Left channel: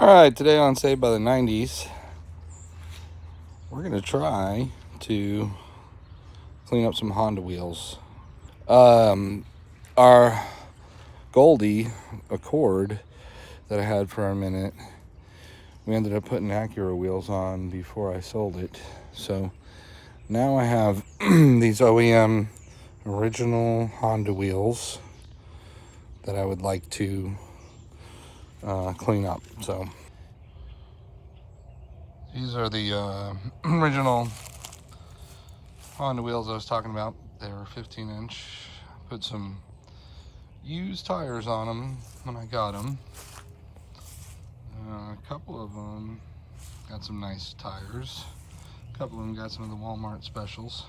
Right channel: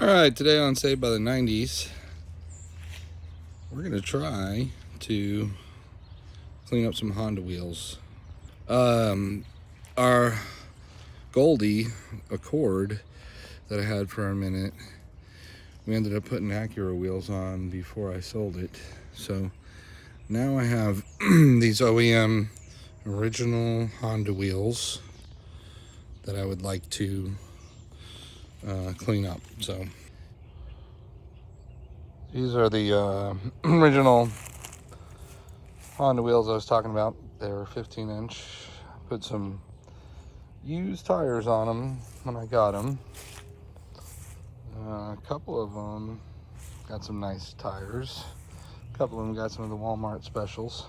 Alright, today on Saved by the 90s, we're going to try to clean up some Honda wheels. Our Goldie Accord that I had for a minute, we ended up putting Acura wheels on before I sold it. So now I have these OEM original Honda wheels that I would like to clean up. So these are the original Honda wheels I was talking about. They're 15-inch. Put some used tires on them when I got them. A couple of them got some nice tires. A couple of them got some of the Walmart specials.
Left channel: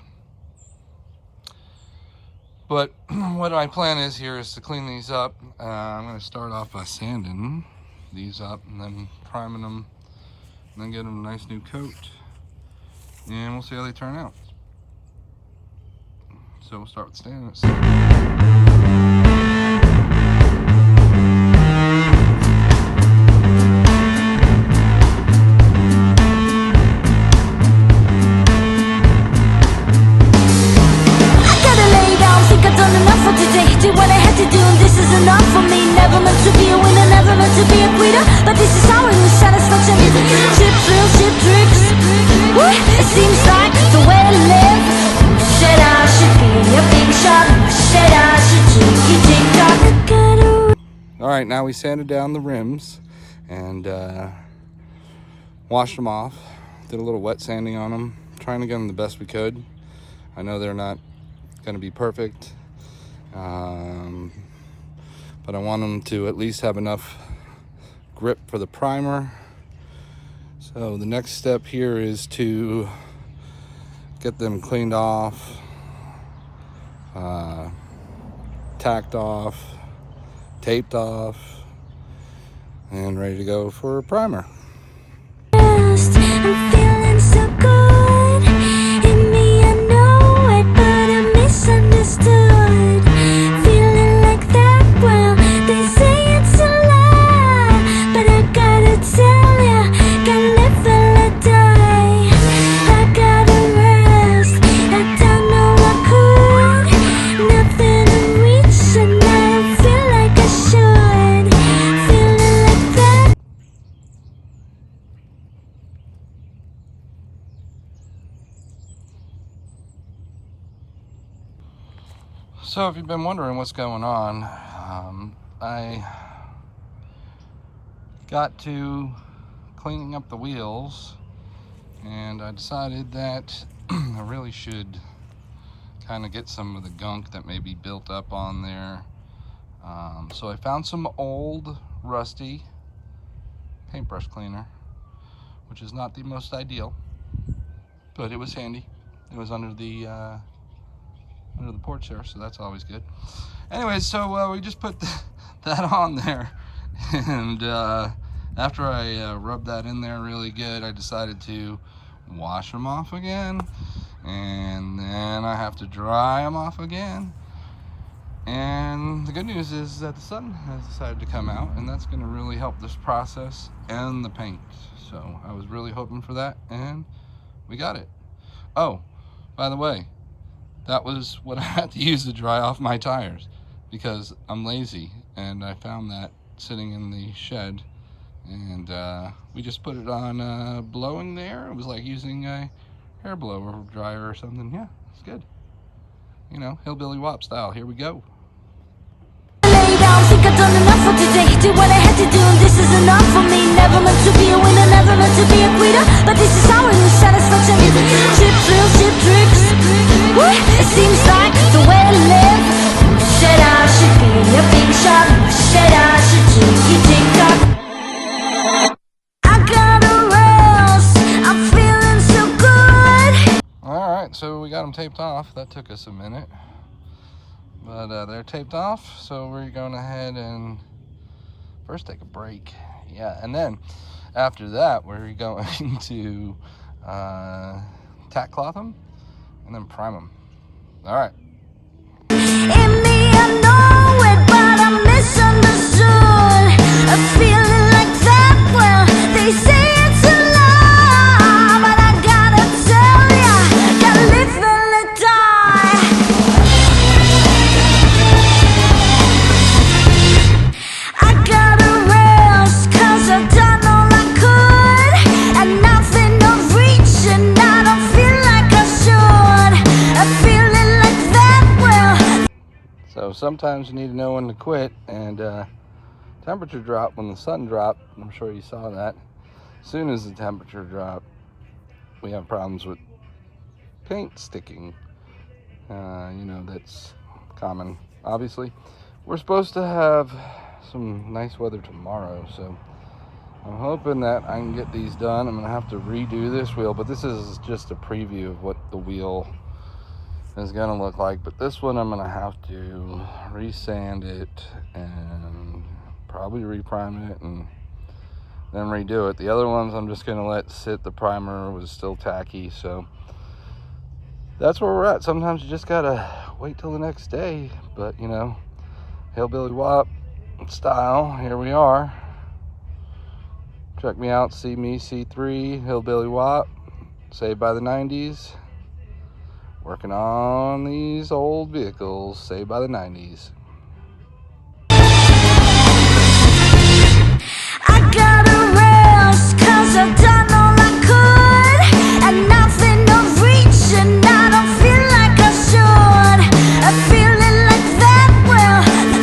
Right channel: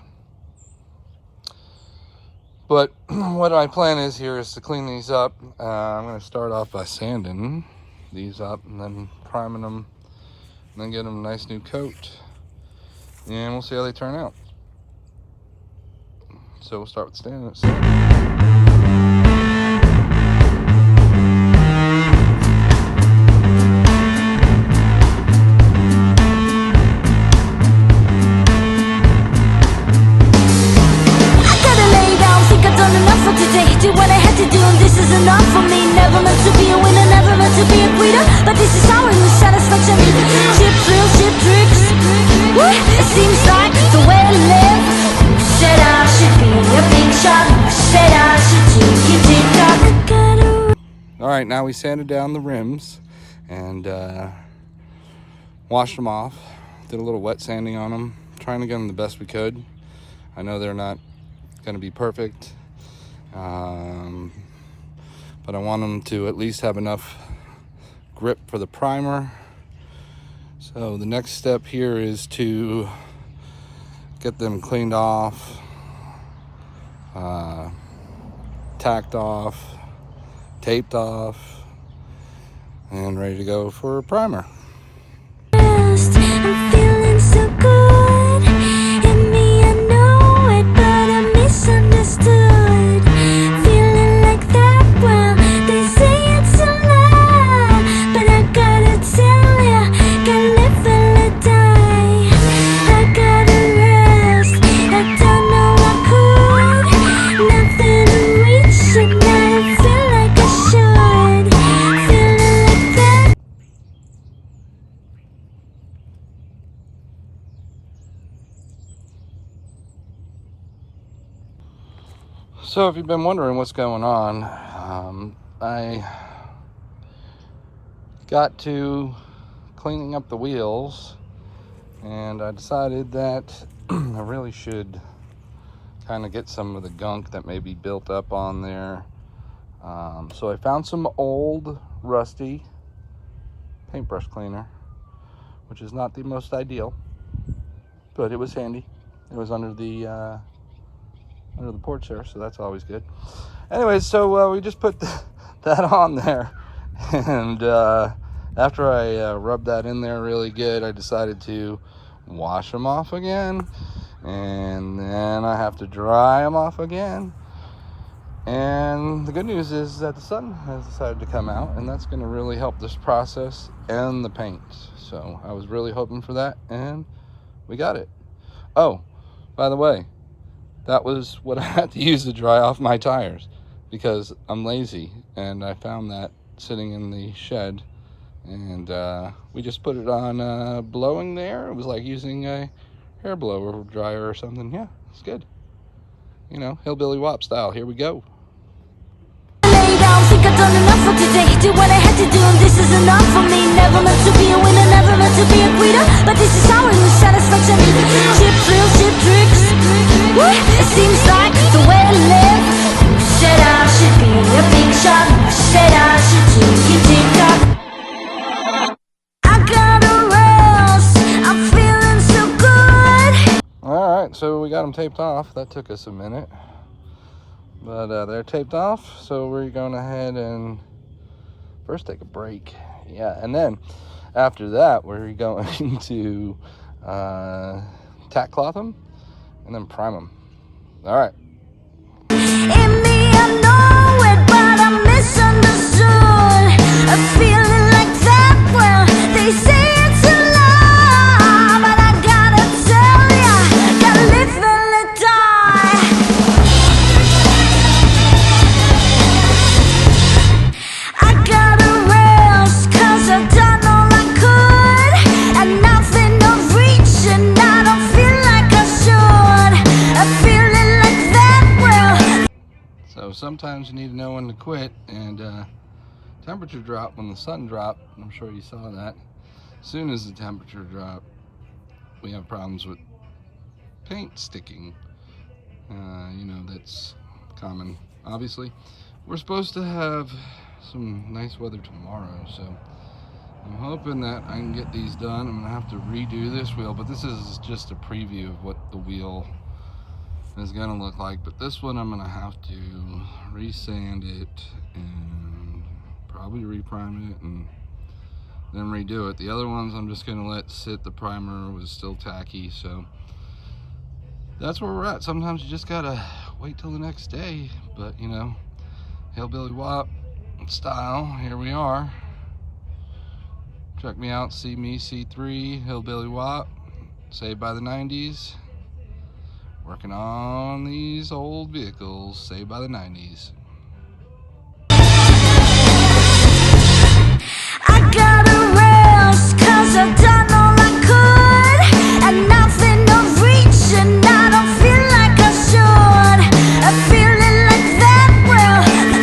But what my plan is here is to clean these up. I'm going to start off by sanding these up and then priming them, and then get them a nice new coat. And we'll see how they turn out. So we'll start with sanding. Did what I had to do, and this is enough for me. Never meant to be a winner, never meant to be a quitter, but this is how I lose satisfaction. Chip thrills, chip tricks. Woo! It seems like the way to live. Who said I should be a big shot? Who said I should tick tock? Alright, now we sanded down the rims and washed them off. Did a little wet sanding on them, trying to get them the best we could. I know they're not going to be perfect. But I want them to at least have enough grip for the primer. So the next step here is to get them cleaned off, tacked off, taped off, and ready to go for a primer. I'm feeling so good. In me I know it, but I'm misunderstood. So if you've been wondering what's going on, I got to cleaning up the wheels, and I decided that I really should kind of get some of the gunk that may be built up on there. So I found some old rusty paintbrush cleaner, which is not the most ideal, but it was handy. It was under the porch there, so that's always good. Anyway, so we just put that on there, and after I rubbed that in there really good, I decided to wash them off again, and then I have to dry them off again. And the good news is that the sun has decided to come out, and that's going to really help this process and the paint. So I was really hoping for that, and we got it. Oh, by the way, that was what I had to use to dry off my tires, because I'm lazy, and I found that sitting in the shed, and we just put it on blowing there. It was like using a hair blower dryer or something. Yeah, it's good. You know, hillbilly W.O.P style. Here we go. Think I've done enough for today. Did what I had to do, and this is enough for me. Never meant to be a winner, never meant to be a quitter, but this is how I lose satisfaction. Chip thrills, chip tricks. Woo! It seems like the way to live. Who said I should be a big shot? Who said I should tick tock? I gotta rest. I'm feeling so good. Alright, so we got them taped off. That took us a minute, but they're taped off, so we're going ahead and first take a break. Yeah, and then after that, we're going to tack cloth them and then prime them. All right. In me I know it, but I'm misunderstood. A feeling like that, well, sometimes you need to know when to quit. And temperature drop when the sun dropped. I'm sure you saw that. As soon as the temperature dropped, we have problems with paint sticking. You know, that's common. Obviously, we're supposed to have some nice weather tomorrow, so I'm hoping that I can get these done. I'm gonna have to redo this wheel, but this is just a preview of what the wheel is gonna look like. But this one I'm gonna have to resand it and probably reprime it and then redo it. The other ones I'm just gonna let sit. The primer was still tacky, so that's where we're at. Sometimes you just gotta wait till the next day, but you know, Hillbilly W.O.P style, here we are. Check me out, see me, C3, Hillbilly W.O.P, saved by the 90s. Working on these old vehicles, saved by the 90s.